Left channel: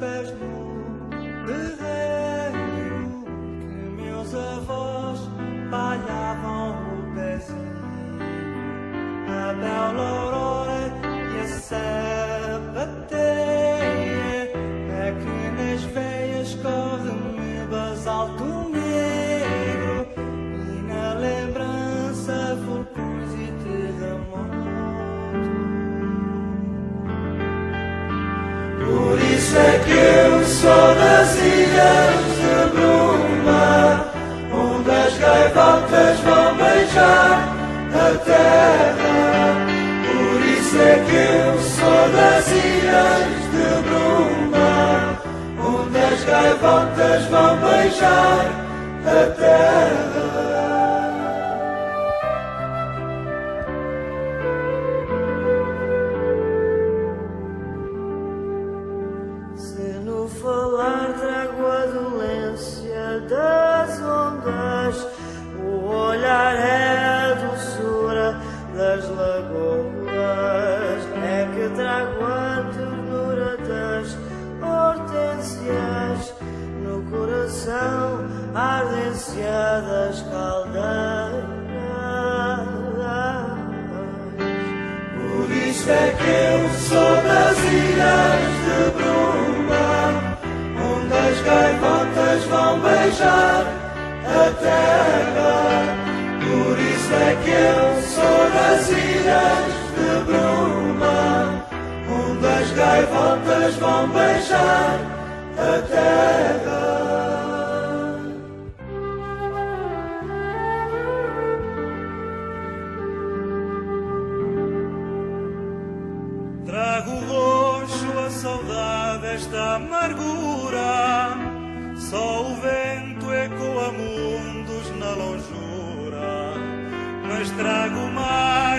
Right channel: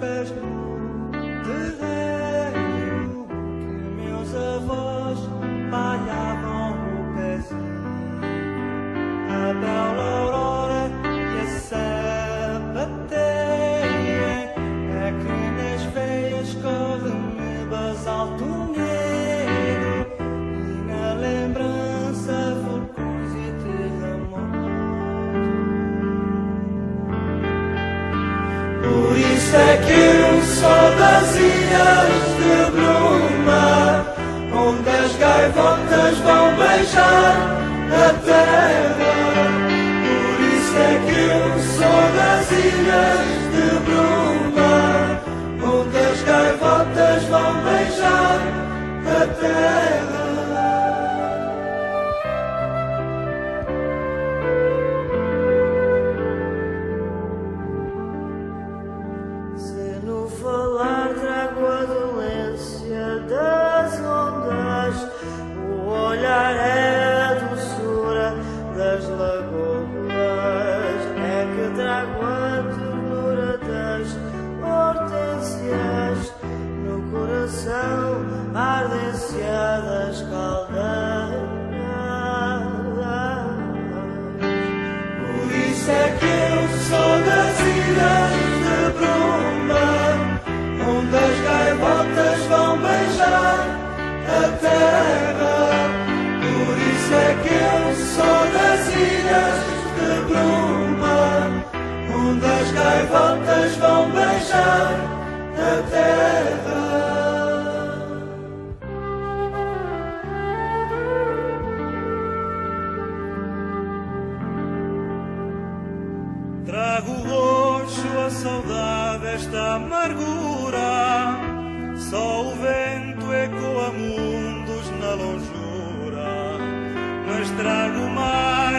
pés no terreiro que meus avós palhavam o pezinho. A bela aurora e a sapateia é que nas veias corre-me basalto negro e na lembrança vulcões e terremotos. Por isso é que eu sou das ilhas de Bruma, onde as gaivotas vão beijar a terra. Por isso é que eu sou das ilhas de Bruma, onde as gaivotas vão beijar a terra. Se no falar trago a dolência das ondas, o olhar é a doçura das lagoas, é que trago a ternura das hortênsias, no coração a ardência das caldeiras. Por isso é que eu sou das ilhas de Bruma, onde as gaivotas vão beijar a terra. Por isso é que eu sou das ilhas de Bruma, onde as gaivotas vão beijar a terra. Trago roxo a saudade, esta amargura, só o vento ecoa mundos na longura, mas trago mais